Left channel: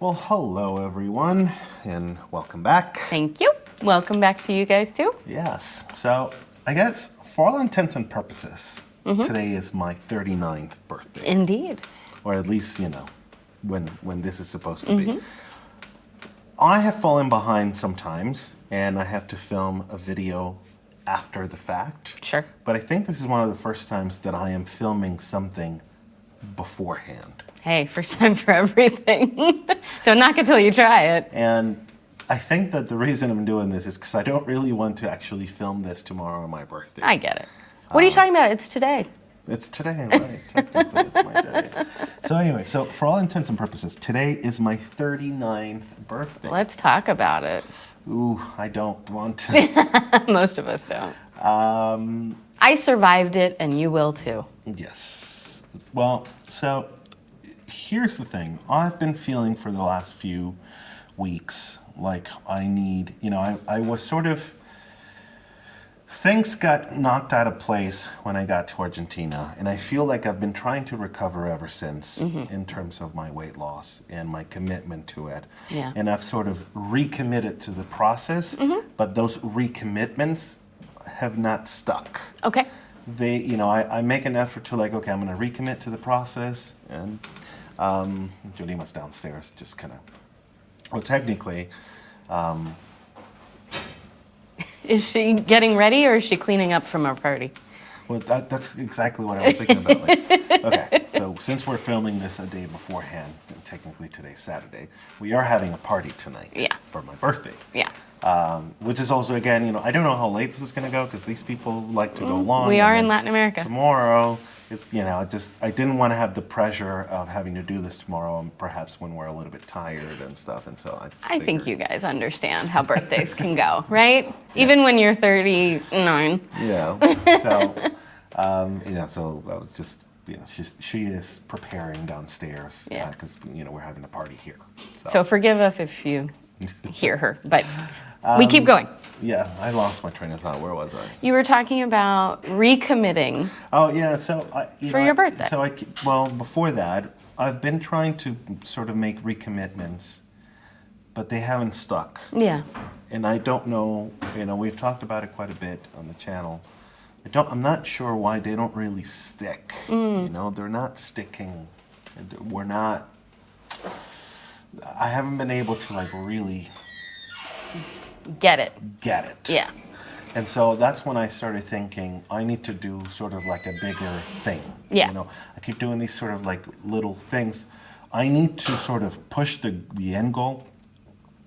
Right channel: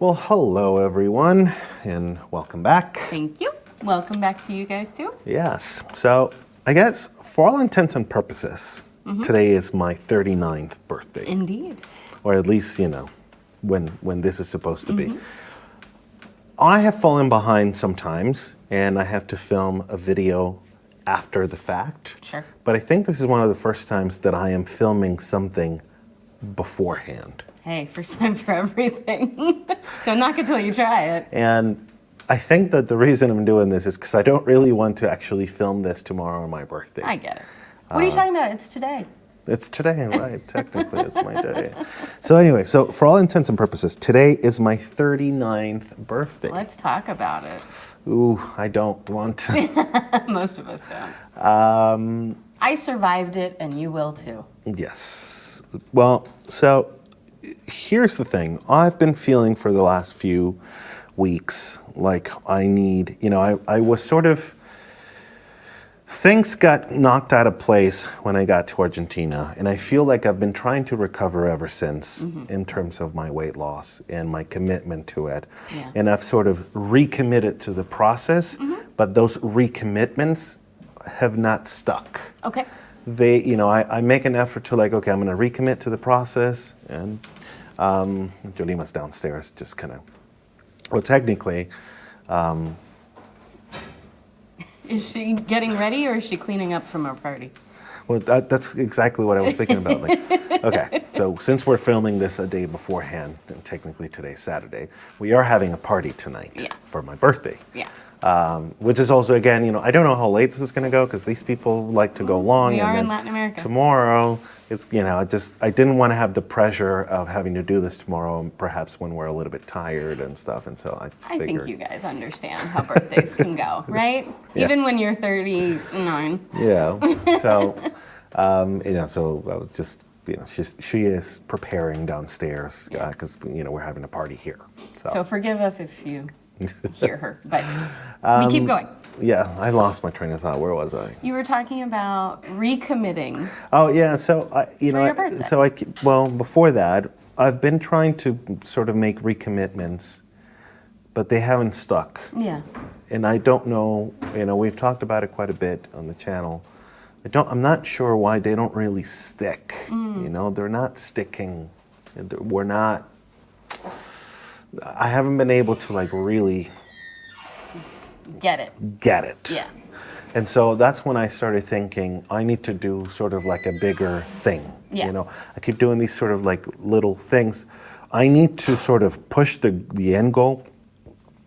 Well, hello everyone, and welcome back. Thank you. Welcome back to you guys too. Yes, so I guess for all intents and purposes, today is my 39th birthday. Indeed. Or at least, when this is supposed to be. I have fallen behind sometimes, and I have to film a video after the fact. Sure. But I think this is one of the first times that I am filming something beforehand. Hey, first time for everything. Don't knock it till you try it. And I think that the reason I'm doing this is because I don't really want to actually film this tomorrow on my birthday. I get it. What are you talking about? It's today. It's today, right? Technically, it's my day. So anyway, so for all intents and purposes, today is my 39th birthday. Let's talk about it. Ooh, I don't want to. Most of us don't. I survived it, and you will too. Yes. Well, so here's the thing. I've been feeling for the last few weeks like I need, I was sort of, things got knocked out of place when I got to Argentina, and I feel like I've been trying to recover ever since in terms of my weight loss and my commitment to it. Yeah. And I've sort of recommitted to the process, but those recommitments have not stuck. Okay. I make an effort to I'm going to recommit to the process, and Yolima's downstairs just kind of, well, technically, Is she getting ready or is she cleaning up from our party? well, that's exactly what I was thinking about. Okay, so since we're filming this a day beforehand, and technically today's Saturday, we are having a party tonight for my birthday. Yeah. Which is also, again, I don't know how late this is going to go because these people like to go long. We and are then in Latin America. Tomorrow, it's, I didn't want to have the pressure of having to do this tomorrow, and perhaps when we're a little bit tired and stuff, and so I think you guys understand how birthdays can go, right? Yeah. Even when you're 39. Yeah. So, so I was just, she is preparing downstairs because, we're having a party here. So forgive us if you hear her, but we keep going. Yeah, I lost my train of thought. Where was I? You were talking about recommitting. Oh yeah, so for your birthday. So before that, I've been trying to sort of make recommitments, but they haven't stuck. Yeah. And I don't know. We've talked about it quite a bit on the channel. I'm not sure why they don't really stick. They're not sticking. We're not. I haven't been able to really get it. Yeah. And so that's when I started thinking I need to do sort of like a bigger thing. Yeah. I keep doing these sort of little things. I need to sort of push the end goal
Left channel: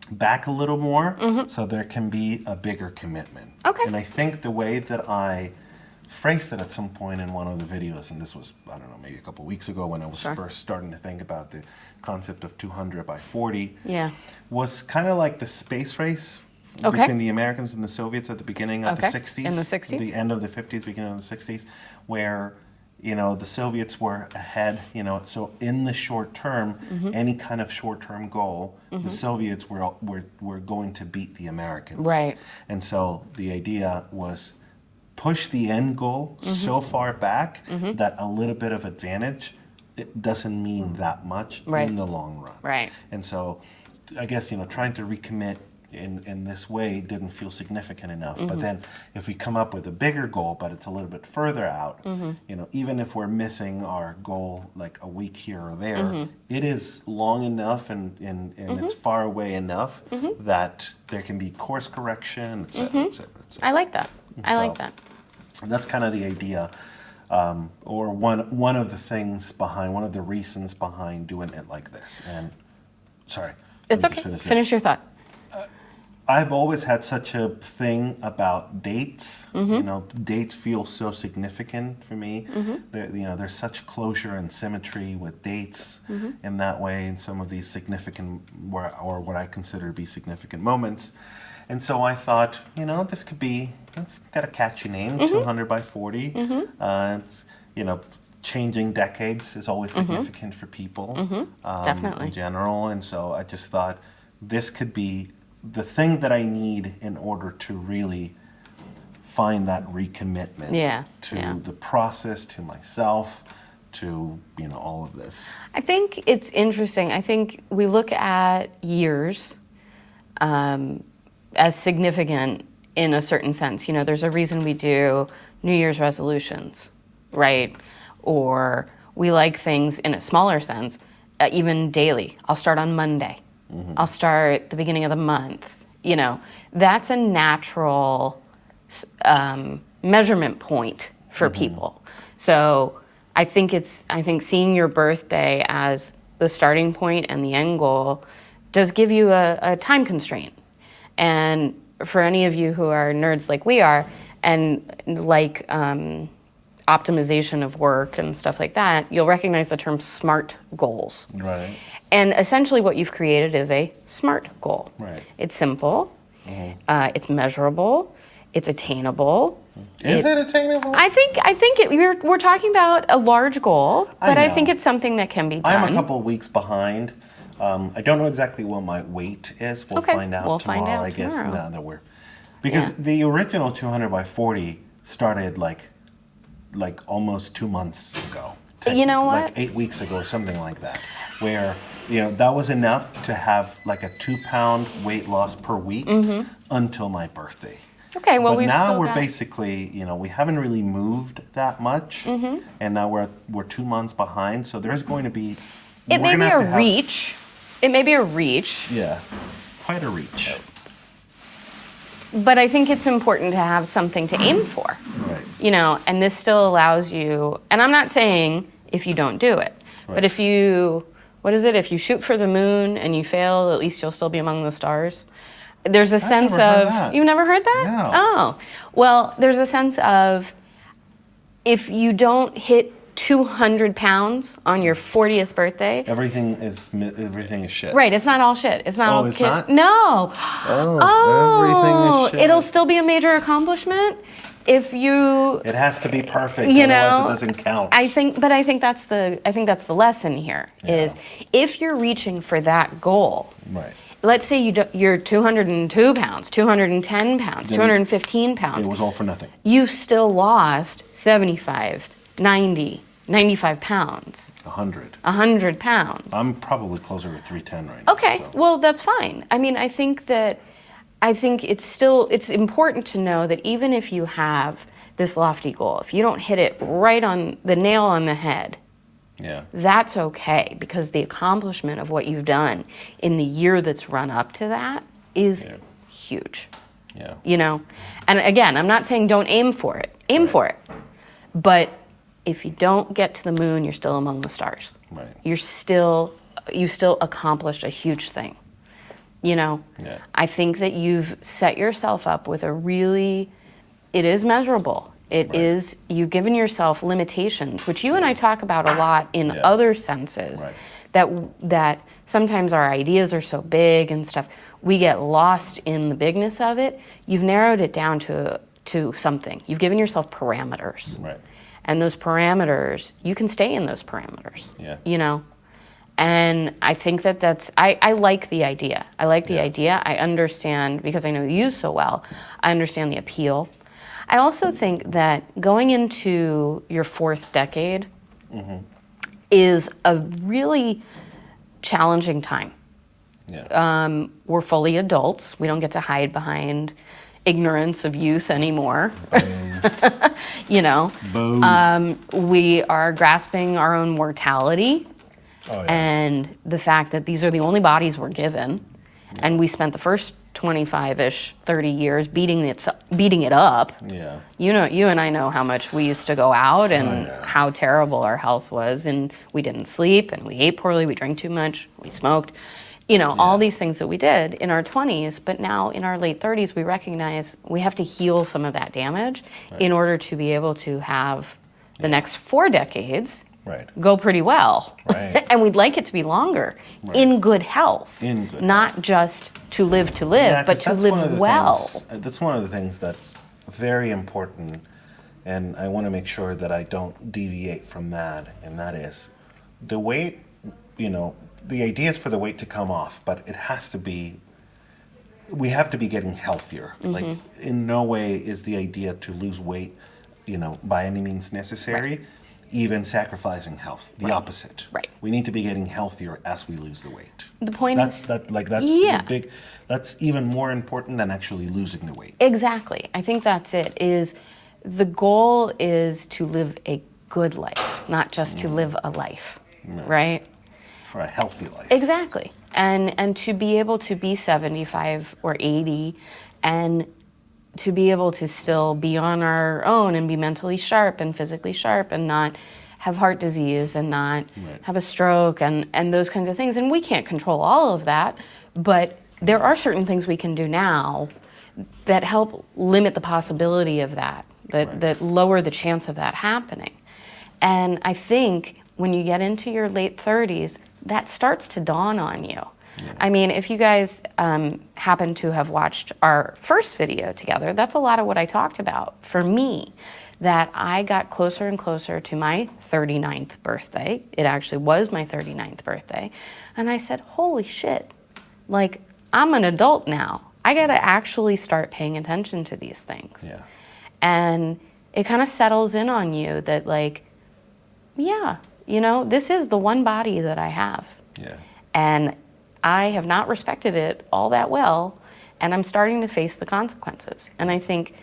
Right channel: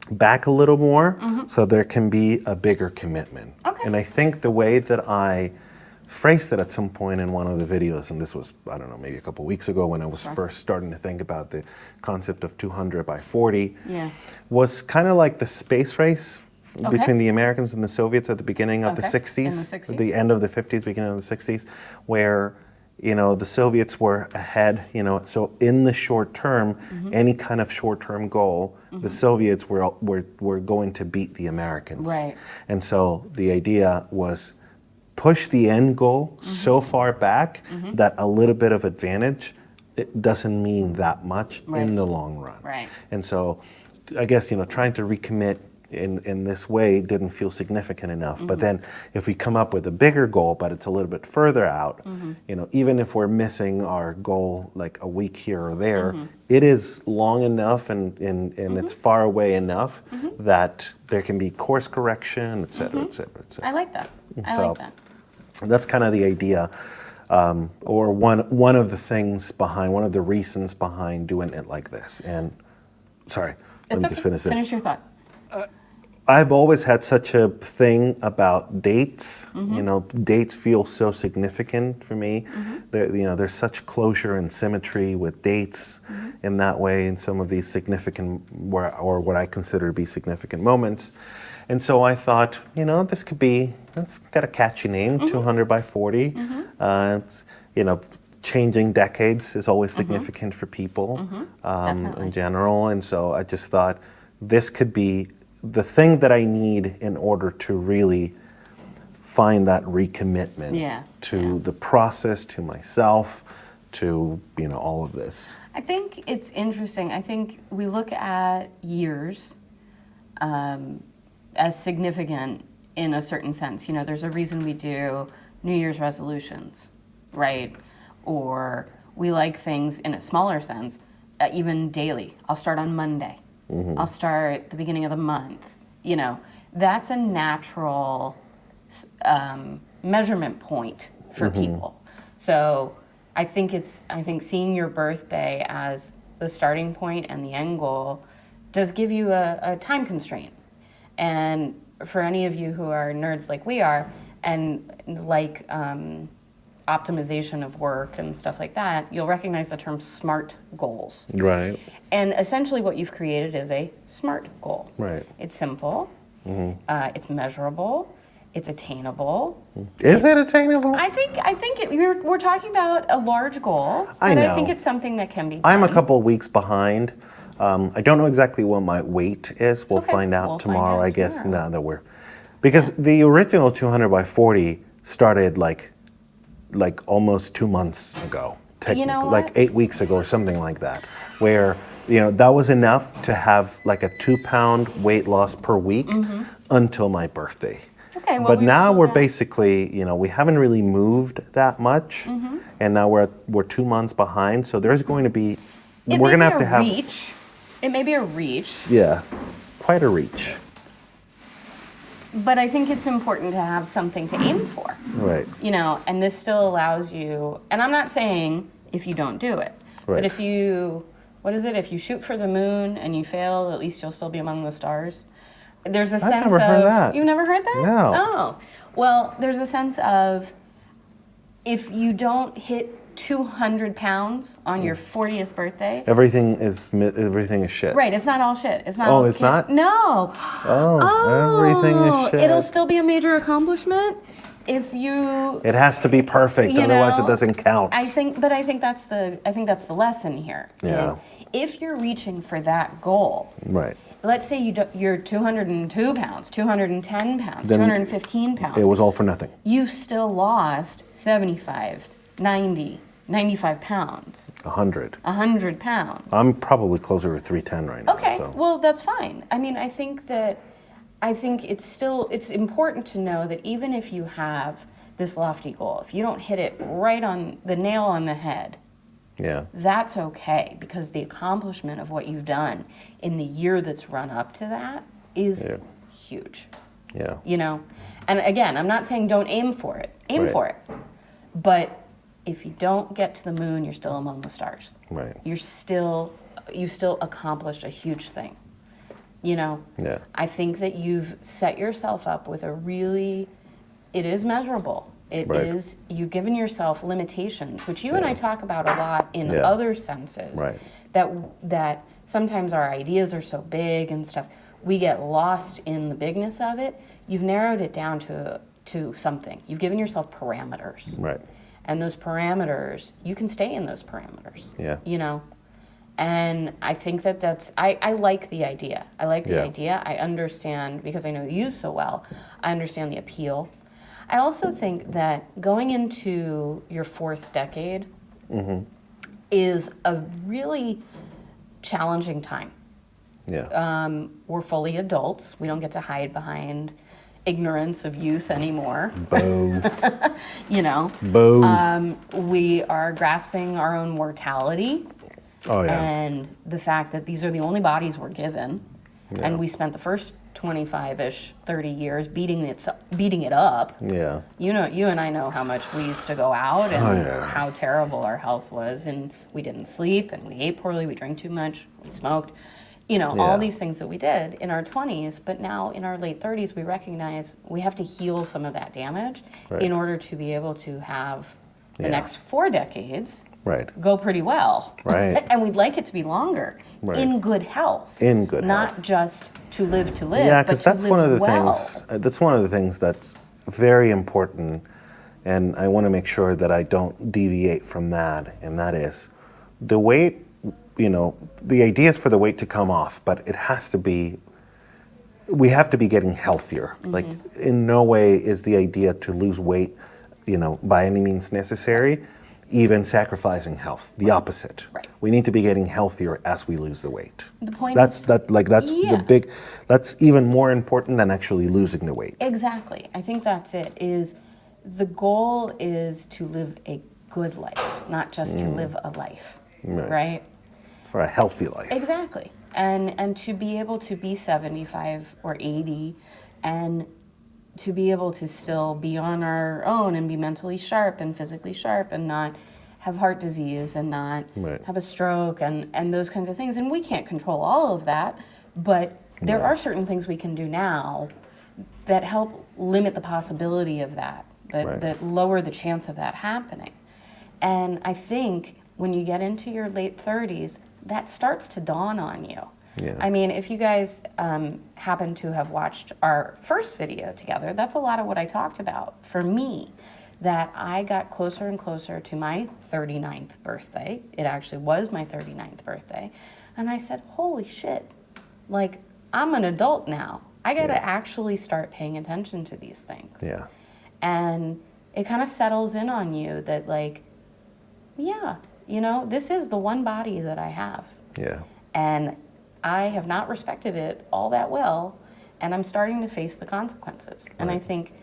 back a little more so there can be a bigger commitment. Okay. And I think the way that I phrased it at some point in one of the videos, and this was, I don't know, maybe a couple weeks ago when I was first starting to think about the concept of 200 by 40, was kind of like the space race between the Americans and the Soviets at the beginning of the 60s, in the 60s? the end of the 50s, beginning of the 60s, where the Soviets were ahead, so in the short term, any kind of short-term goal, the Soviets were going to beat the Americans. Right. And so the idea was push the end goal so far back that a little bit of advantage, it doesn't mean that much in the long run. Right. And so I guess, trying to recommit in this way didn't feel significant enough. But then if we come up with a bigger goal, but it's a little bit further out, even if we're missing our goal like a week here or there, it is long enough and it's far away enough that there can be course correction, et cetera, et cetera, et cetera. I like that. I like that. That's kind of the idea, or one of the things behind, one of the reasons behind doing it like this. And sorry, let me just finish this. Finish your thought. I've always had such a thing about dates. Dates feel so significant for me. There's such closure and symmetry with dates in that way, in some of these significant, or what I consider to be significant moments. And so I thought, it's got a catchy name, 200 by 40. It's, changing decades is always significant for people in general. And so I just thought this could be the thing that I need in order to really find that recommitment to the process, to myself, to, all of this? I think it's interesting. I think we look at years as significant in a certain sense. There's a reason we do New Year's resolutions, right? Or we like things in a smaller sense, even daily. I'll start on Monday. I'll start the beginning of the month. That's a natural measurement point for people. So I think seeing your birthday as the starting point and the end goal does give you a time constraint. And for any of you who are nerds like we are, and like optimization of work and stuff like that, you'll recognize the term SMART goals. Right. And essentially what you've created is a SMART goal. Right. It's simple, it's measurable, it's attainable. Is it attainable? I think we're talking about a large goal, but I think it's something that can be done. I'm a couple of weeks behind. I don't know exactly what my weight is. We'll find out tomorrow, I guess. Now that because the original 200 by 40 started like almost 2 months ago. You know what? Like 8 weeks ago or something like that, where that was enough to have like a 2-pound weight loss per week until my birthday. Okay, well, but now we're basically, we haven't really moved that much, and now we're 2 months behind. So there's going to be It may be a reach. It may be a reach. Yeah, quite a reach. But I think it's important to have something to aim for. Right. And this still allows you, and I'm not saying if you don't do it, but if you, if you shoot for the moon and you fail, at least you'll still be among the stars. There's a sense of, you've never heard that? No. Oh, well, there's a sense of if you don't hit 200 pounds on your 40th birthday. Everything is shit. Right, it's not all shit. It's not all it's not? No. Everything is shit. It'll still be a major accomplishment if you. It has to be perfect, otherwise it doesn't count. I think that's the lesson here. Is if you're reaching for that goal. Right. Let's say you're 202 pounds, 210 pounds, 215 pounds. It was all for nothing. You still lost 75, 90, 95 pounds. 100. 100 pounds. I'm probably closer to 310 right now. Okay, well, that's fine. I mean, I think it's important to know that even if you have this lofty goal, if you don't hit it right on the nail on the head, that's okay, because the accomplishment of what you've done in the year that's run up to that is huge. Yeah. And again, I'm not saying don't aim for it. Aim for it. But if you don't get to the moon, you're still among the stars. Right. You still accomplished a huge thing. Yeah. I think that you've set yourself up with it is measurable. It is, you've given yourself limitations, which you and I talk about a lot in other senses, that sometimes our ideas are so big and stuff, we get lost in the bigness of it. You've narrowed it down to something. You've given yourself parameters. Right. And those parameters, you can stay in those parameters. Yeah. And I think I like the idea. I like the idea. I understand, because I know you so well, I understand the appeal. I also think that going into your 4th decade is a really challenging time. Yeah. We're fully adults. We don't get to hide behind ignorance of youth anymore. Boom. Boom. We are grasping our own mortality. Oh, yeah. And the fact that these are the only bodies we're given. And we spent the first 25-ish, 30 years beating it up. Yeah. You and I know how much we used to go out and how terrible our health was, and we didn't sleep, and we ate poorly, we drank too much, we smoked. All these things that we did in our 20s, but now in our late 30s, we recognize we have to heal some of that damage in order to be able to have the next 4 decades go pretty well. Right. And we'd like it to be longer, in good health. In good not health. Just to live, but to live well. That's one of the things that's very important, and I want to make sure that I don't deviate from that, and that is the weight. The idea is for the weight to come off, but it has to be, we have to be getting healthier. Like, in no way is the idea to lose weight, by any means necessary. even sacrificing health. The opposite. Right. We need to be getting healthier as we lose the weight. The point that's is the big. That's even more important than actually losing the weight. Exactly. I think that's it. Is the goal is to live a good life, not just to live a life, right? Or a healthy life. Exactly. And to be able to be 75 or 80 and to be able to still be on our own and be mentally sharp and physically sharp and not have heart disease and not have a stroke and those kinds of things. And we can't control all of that, but there are certain things we can do now that help limit the possibility of that, that lower the chance of that happening. And I think when you get into your late 30s, that starts to dawn on you. Yeah. I mean, if you guys happen to have watched our first video together, that's a lot of what I talked about for me, that I got closer and closer to my 39th birthday. It actually was my 39th birthday. And I said, holy shit, like, I'm an adult now. I got to actually start paying attention to these things. Yeah. And it kind of settles in on you that, like, yeah, you know, this is the one body that I have. Yeah. And I have not respected it all that well, and I'm starting to face the consequences. And I think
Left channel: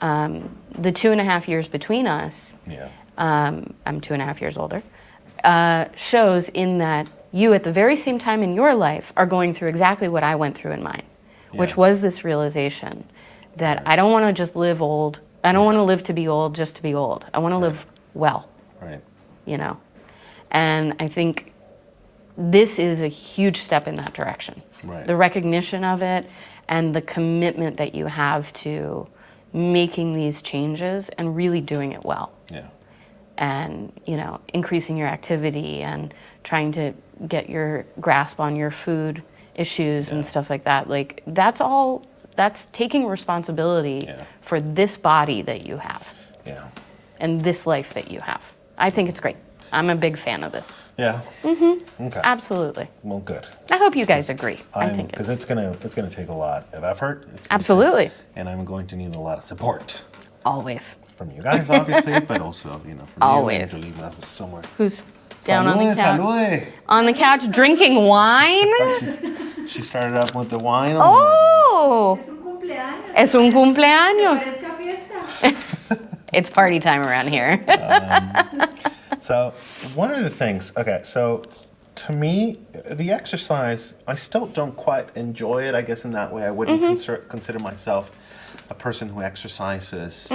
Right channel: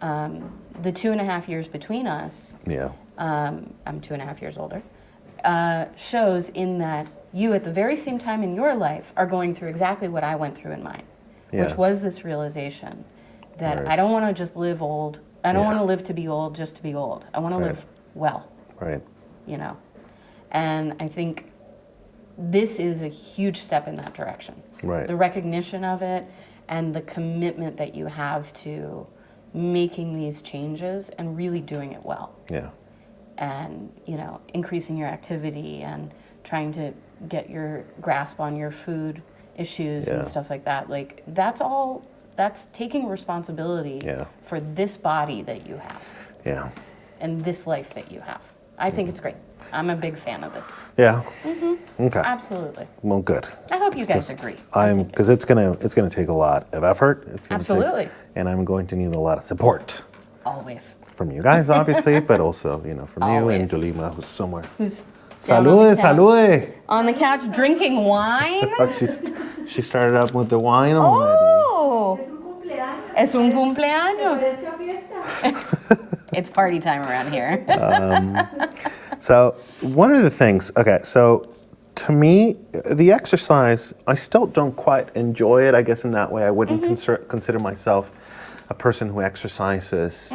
the 2.5 years between us, I'm 2.5 years older, shows in that you at the very same time in your life are going through exactly what I went through in mine, which was this realization that I don't want to just live old. I don't want to live to be old just to be old. I want to live well. Right. You know, and I think this is a huge step in that direction. Right. The recognition of it and the commitment that you have to making these changes and really doing it well. Yeah. And, you know, increasing your activity and trying to get your grasp on your food issues and stuff like that. Like, that's taking responsibility for this body that you have. Yeah. And this life that you have. I think it's great. I'm a big fan of this. Yeah. Mm-hmm. Okay. Absolutely. Well, good. I hope you guys agree. Because it's gonna take a lot of effort. Absolutely. And I'm going to need a lot of support. Always. From you guys, obviously, but also, you know, from you and Yolima, who's somewhere. Who's down on the couch. Salude. On the couch drinking wine. She started up with the wine. Oh. Es un cumpleaños. It's party time around here. So one of the things, so to me, the exercise, I still don't quite enjoy it, I guess, in that way. I wouldn't consider myself a person who exercises.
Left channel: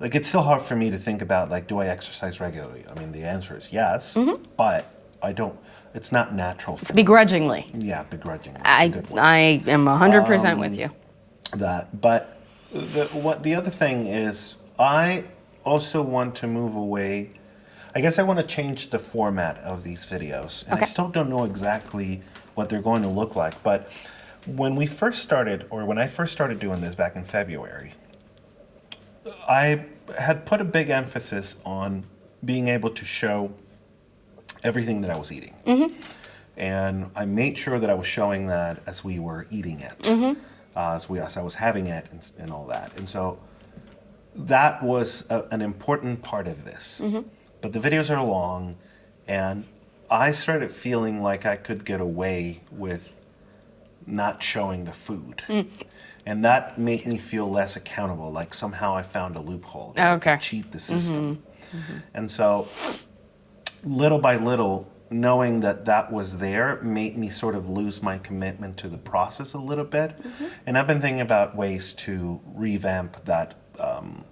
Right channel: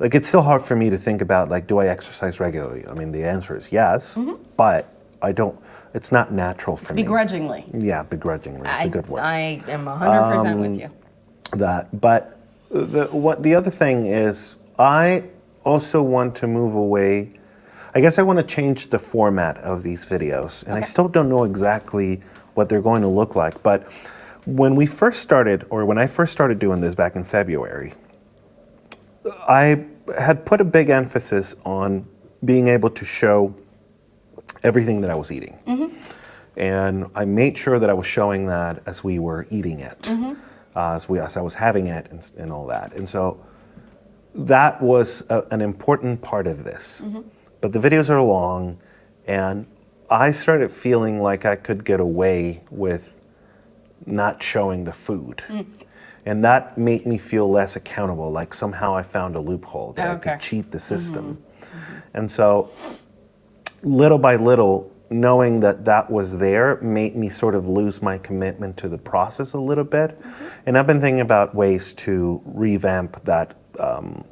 Like, it's still hard for me to think about, like, do I exercise regularly? I mean, the answer is yes, but I don't, it's not natural for me. Begrudgingly. Yeah, begrudgingly. That's a good word. I am 100% with you. But the other thing is, I also want to move away. I guess I want to change the format of these videos, and I still don't know exactly what they're going to look like. But when I first started doing this back in February, I had put a big emphasis on being able to show everything that I was eating. And I made sure that I was showing that as we were eating it, as I was having it and all that. And so that was an important part of this. But the videos are long, and I started feeling like I could get away with not showing the food. And that made me feel less accountable, like somehow I found a loophole that I could cheat the system. And so little by little, knowing that that was there made me sort of lose my commitment to the process a little bit. And I've been thinking about ways to revamp that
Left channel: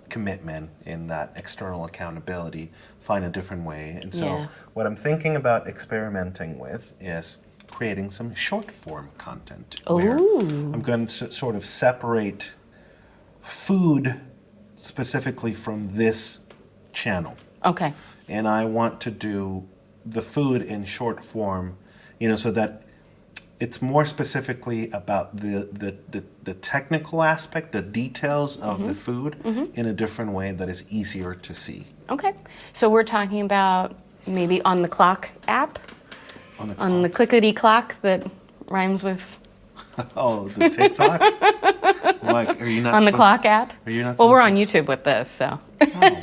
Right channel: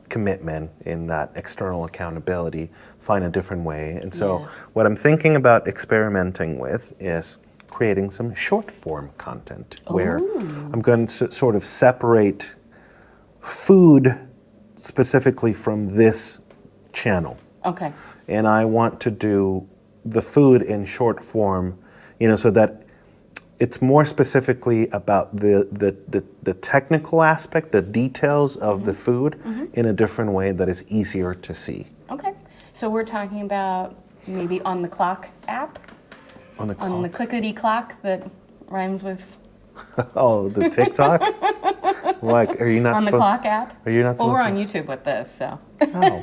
commitment in that external accountability, find a different way. And so what I'm thinking about experimenting with is creating some short form content where I'm going to sort of separate food specifically from this channel. Okay. And I want to do the food in short form, you know, so that it's more specifically about the technical aspect, the details of the food in a different way that is easier to see. Okay. So we're talking about maybe on the clock app? On the clickety clock that rhymes with... Oh, the TikTok? Like, are you not on the clock app? Are you not? Well, we're on YouTube with this, so. Oh.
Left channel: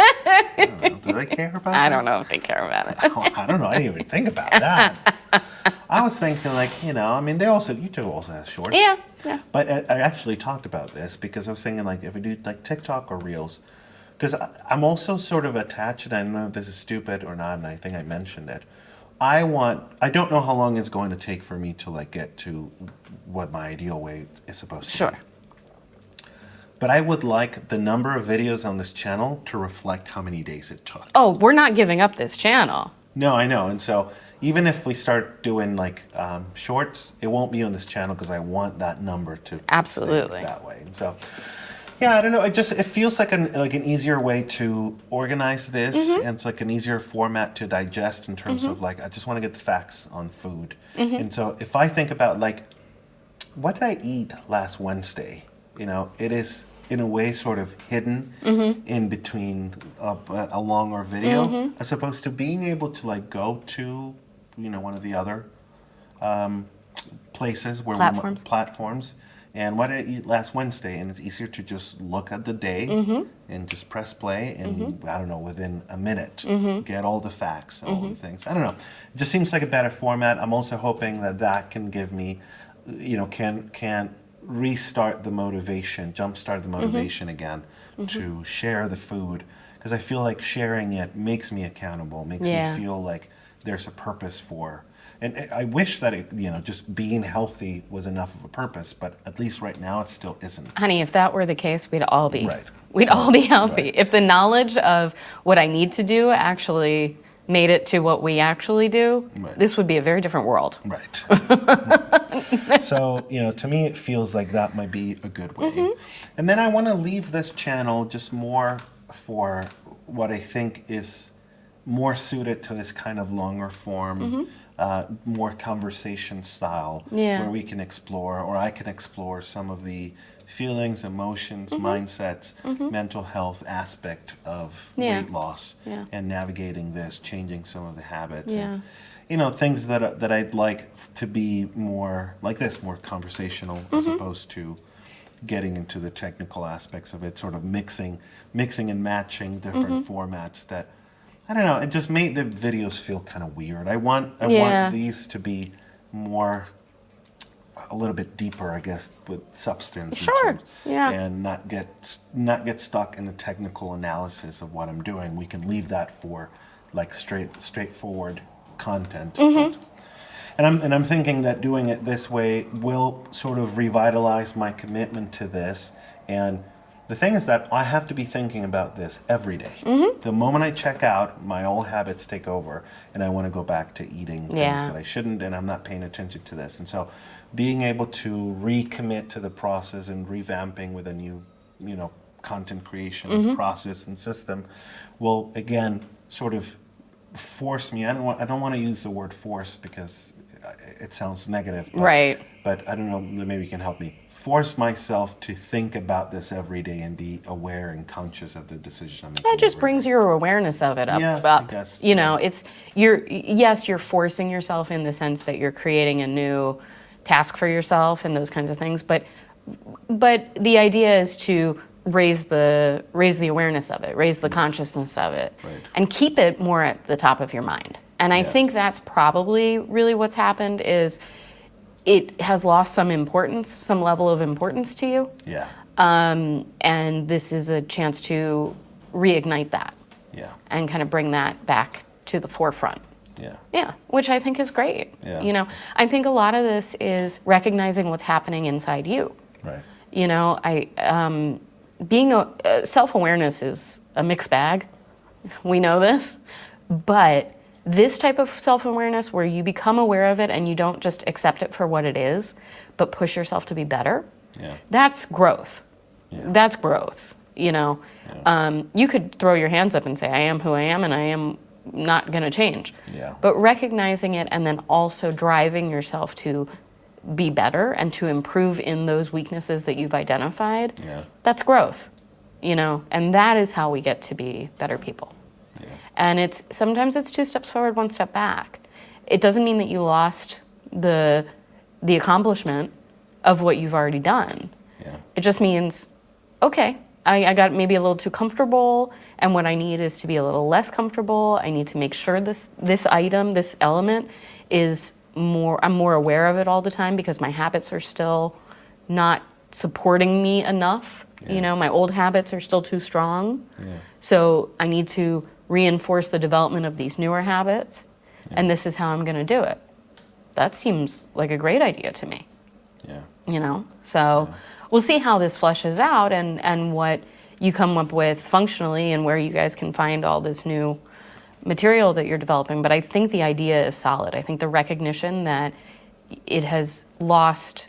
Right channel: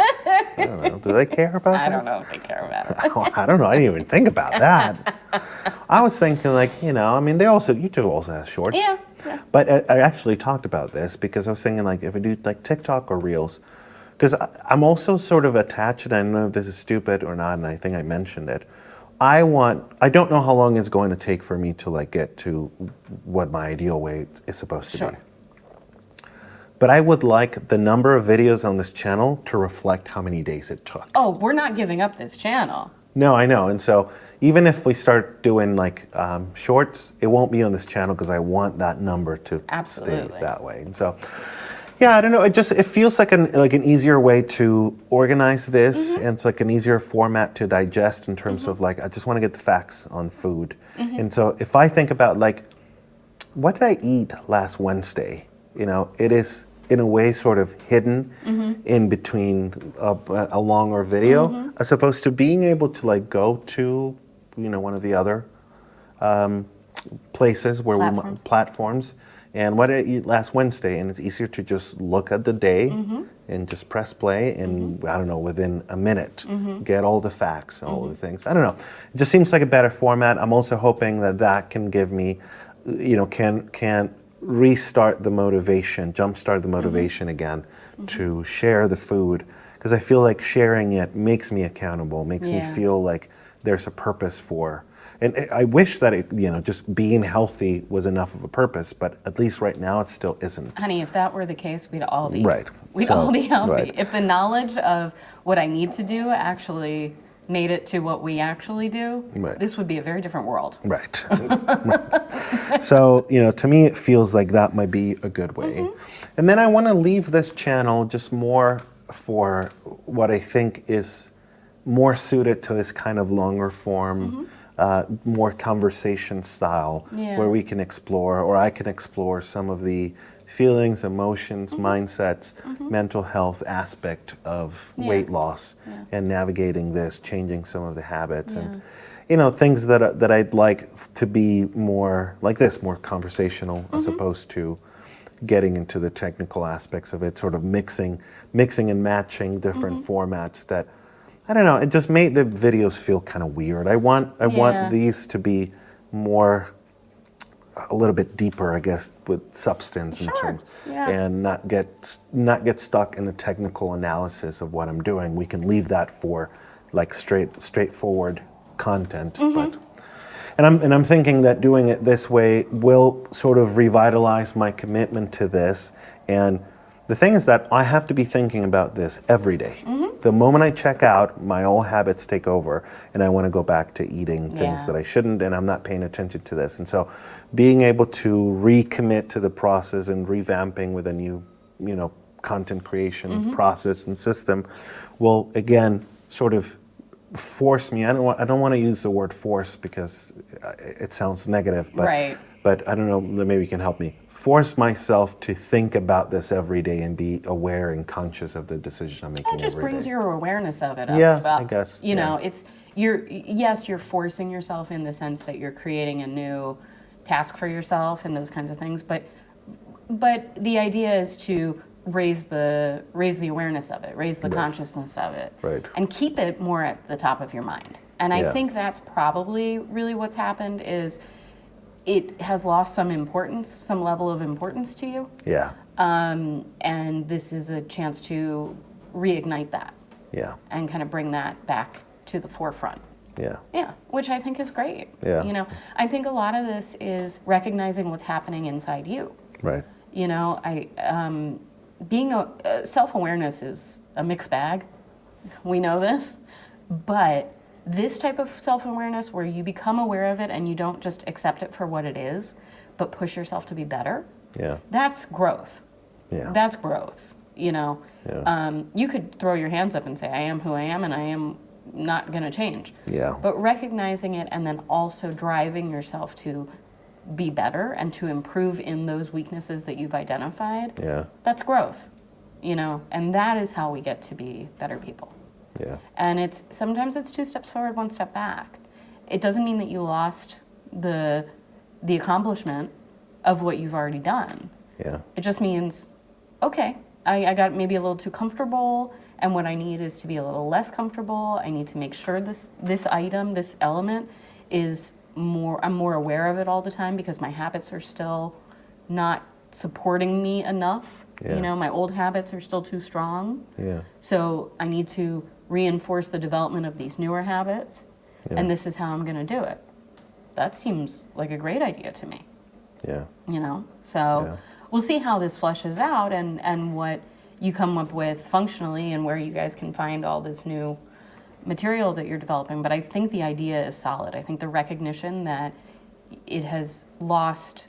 I don't know. Do they care about I this? don't know if they care about it. I don't know. I didn't even think about that. I was thinking like, I mean, YouTube also has shorts. Yeah. But I actually talked about this because I was thinking like if we do like TikTok or Reels, because I'm also sort of attached, and I don't know if this is stupid or not, and I think I mentioned it. I don't know how long it's going to take for me to like get to what my ideal weight is supposed to be. But I would like the number of videos on this channel to reflect how many days it took. Oh, we're not giving up this channel. No, I know. And so even if we start doing like shorts, it won't be on this channel because I want that number to stay that way. And so, yeah, I don't know. It feels like an easier way to organize this, and it's like an easier format to digest in terms of like I just want to get the facts on food. And so if I think about like what did I eat last Wednesday, it is in a way sort of hidden in between a longer video, as opposed to being able to like go to one of the other places where platforms. And what did I eat last Wednesday? And it's easier to just look at the day and just press play and, I don't know, within a minute, get all the facts, all the things. I don't know. It just seems like a better format. I'm also hoping that can give me, can restart the motivation, jumpstart the motivation again to share the food. Because I feel like sharing it makes me accountable, makes me feel like there's a purpose for. And I wish that just being healthy was enough of a purpose, but at least right now it still isn't. Honey, if that were the case, we'd all be We'd all be healthy. Right. If the knowledge of what I need to do actually made it to what we actually do, this would be a very different world. Right. So, to me it feels like that might be a good way. And then I want to leave this channel just more for what I think is more suited to this kind of longer form, more conversation style, where we can explore, or I can explore some of the feelings, emotions, mindsets, mental health aspect of weight loss and navigating this, changing some of the habits, and things that I'd like to be more like this, more conversational, as opposed to getting into the technical aspects of it, sort of mixing and matching different formats that, I don't know, it just made the videos feel kind of weird. I want these to be more, a little bit deeper, I guess, with substance. And not get stuck in the technical analysis of what I'm doing. We can leave that for like straightforward content. And I'm thinking that doing it this way will sort of revitalize my commitment to this. And the thing is that I have to be thinking about this every day. The moment I check out, my old habits take over, and I want to go back to eating things that I shouldn't, and I'm not paying attention to this. And so being able to recommit to the process and revamping with a new, content creation process and system will, again, sort of force me. I don't want to use the word force because it sounds negative, but I don't know, maybe you can help me. Force myself to think about this every day and be aware and conscious of the decision I'm making. That just brings your awareness of it up. I guess. It's you're forcing yourself in the sense that you're creating a new task for yourself and those kinds of things. But the idea is to raise the awareness of it, raise the consciousness of it, and keep it more at the top of your mind. And I think that's probably really what's happened is it has lost some importance, some level of importance to you. And this is a chance to reignite that. And kind of bring that back to the forefront. Which I think is great. I think a lot of this is recognizing what's happening inside you. Being self-awareness is a mixed bag. We know this, but this type of self-awareness where you become aware of it and you don't just accept it for what it is, but push yourself to be better, that's growth. That's growth, You could throw your hands up and say, I am who I am and I am not going to change. But recognizing it and then also driving yourself to be better and to improve in those weaknesses that you've identified, that's growth, and that is how we get to be better people. And sometimes it's 2 steps forward, 1 step back. It doesn't mean that you lost the accomplishment of what you've already done. It just means, okay, I got maybe a little too comfortable, and what I need is to be a little less comfortable. I need to make sure this item, this element is I'm more aware of it all the time because my habits are still not supporting me enough. Yeah. You know, my old habits are still too strong. Yeah. So I need to reinforce the development of these newer habits, and this is how I'm going to do it. That seems like a great idea to me. Yeah. You know, so we'll see how this fleshes out and what you come up with functionally and where you guys can find all this new material that you're developing. But I think the idea is solid. I think the recognition that it has lost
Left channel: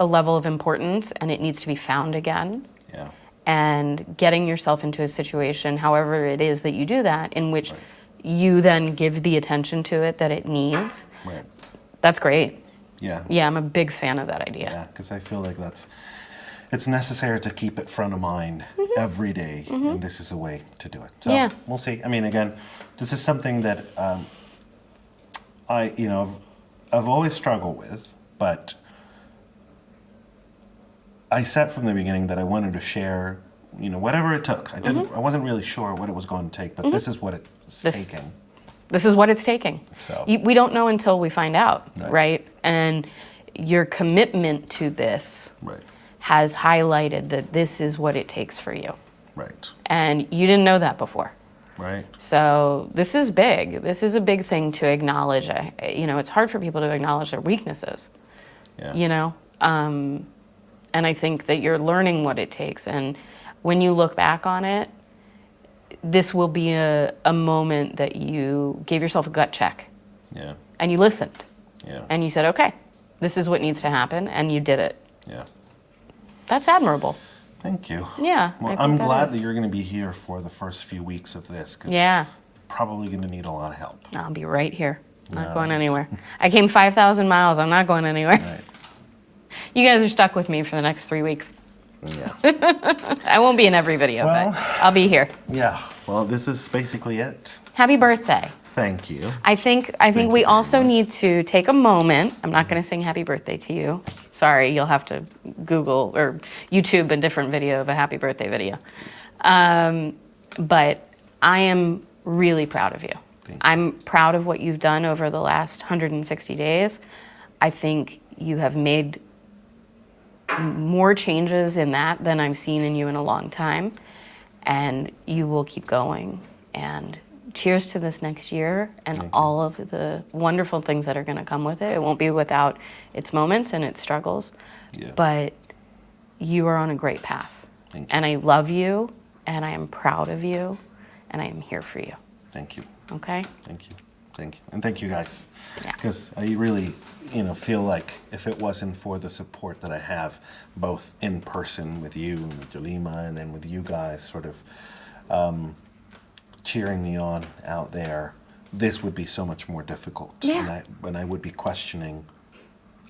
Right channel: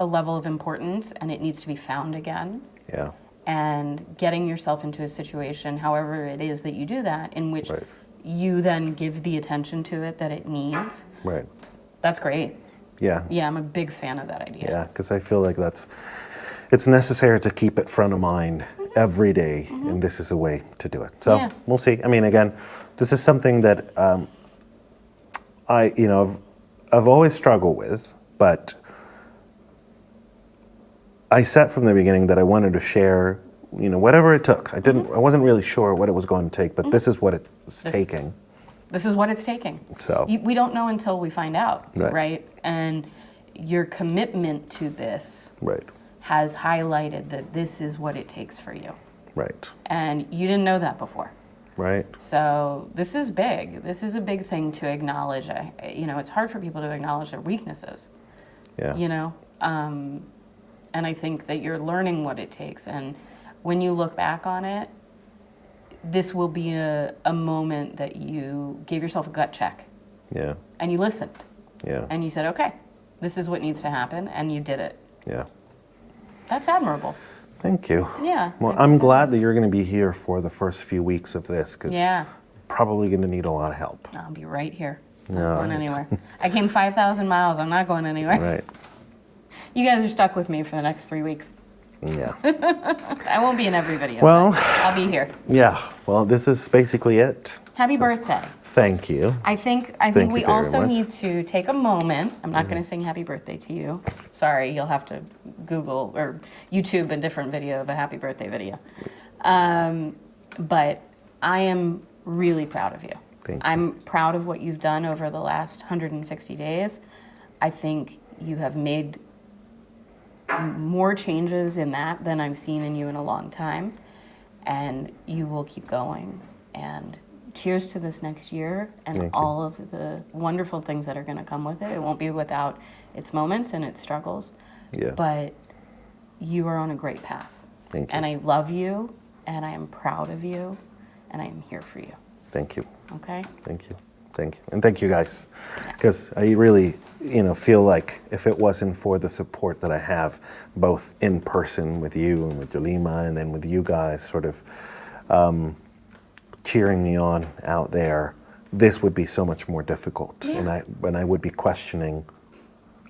a level of importance and it needs to be found again. Yeah. And getting yourself into a situation, however it is that you do that, in which you then give the attention to it that it needs. Right. That's great. Yeah. Yeah, I'm a big fan of that idea. Yeah, because I feel like it's necessary to keep it front of mind every day, and this is a way to do it. So we'll see. I mean, again, this is something that I've always struggled with, but I said from the beginning that I wanted to share, whatever it took. I wasn't really sure what it was going to take, but this is what it's taking. This is what it's taking. So we don't know until we find out, right? And your commitment to this has highlighted that this is what it takes for you. Right. And you didn't know that before. Right. So this is big. This is a big thing to acknowledge. It's hard for people to acknowledge their weaknesses. Yeah. And I think that you're learning what it takes. And when you look back on it, this will be a moment that you gave yourself a gut check. Yeah. And you listened. Yeah. And you said, okay, this is what needs to happen. And you did it. Yeah. That's admirable. Thank you. Yeah. Well, I'm glad that you're going to be here for the first few weeks of this, because you're probably going to need a lot of help. I'll be right here. Not going anywhere. I came 5,000 miles. I'm not going anywhere. Right. You guys are stuck with me for the next 3 weeks. Yeah. I won't be in every video, Well, but I'll be here. Yeah. Well, this is basically it. Happy birthday. Thank you. I think we also need to take a moment. I'm not going to sing happy birthday to you. Sorry, you'll have to Google or YouTube a different video of a happy birthday video. But I am really proud of you. Thank you. I'm proud of what you've done over the last 160 days. I think you have made more changes in that than I've seen in you in a long time. And you will keep going. And cheers to this next year and all of the wonderful things that are going to come with it. It won't be without its moments and its struggles. Yeah. But you are on a great path. Thank you. And I love you, and I am proud of you, and I am here for you. Thank you. Okay? Thank you. Thank you. And thank you guys. Yeah. Because I really, feel like if it wasn't for the support that I have, both in person with you and with Yolima and then with you guys sort of cheering me on out there, this would be so much more difficult. Yeah. And I would be questioning,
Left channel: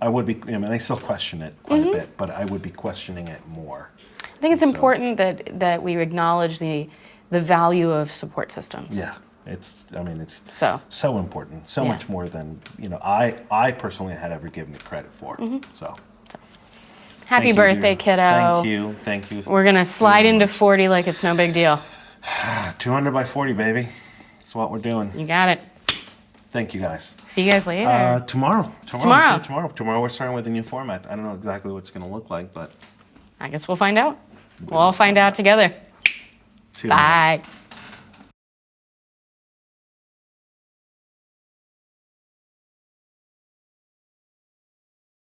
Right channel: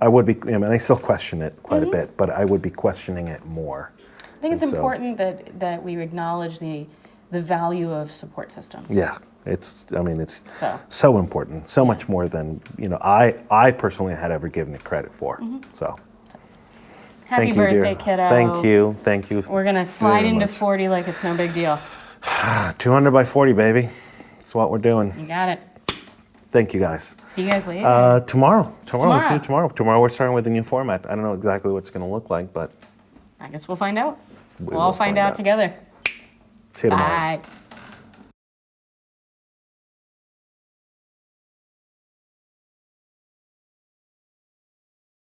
I still question it quite a bit, but I would be questioning it more. I think it's important that we acknowledge the value of support systems. Yeah. It's so important, so much more than I personally had ever given it credit for. So, happy birthday, kiddo! Thank you. We're gonna slide into 40 like it's no big deal. 200 by 40, baby. That's what we're doing. You got it. Thank you guys. See you guys later. Tomorrow we're starting with a new format. I don't know exactly what it's gonna look like, but I guess we'll find out. We'll all find out together. See you tomorrow. Bye.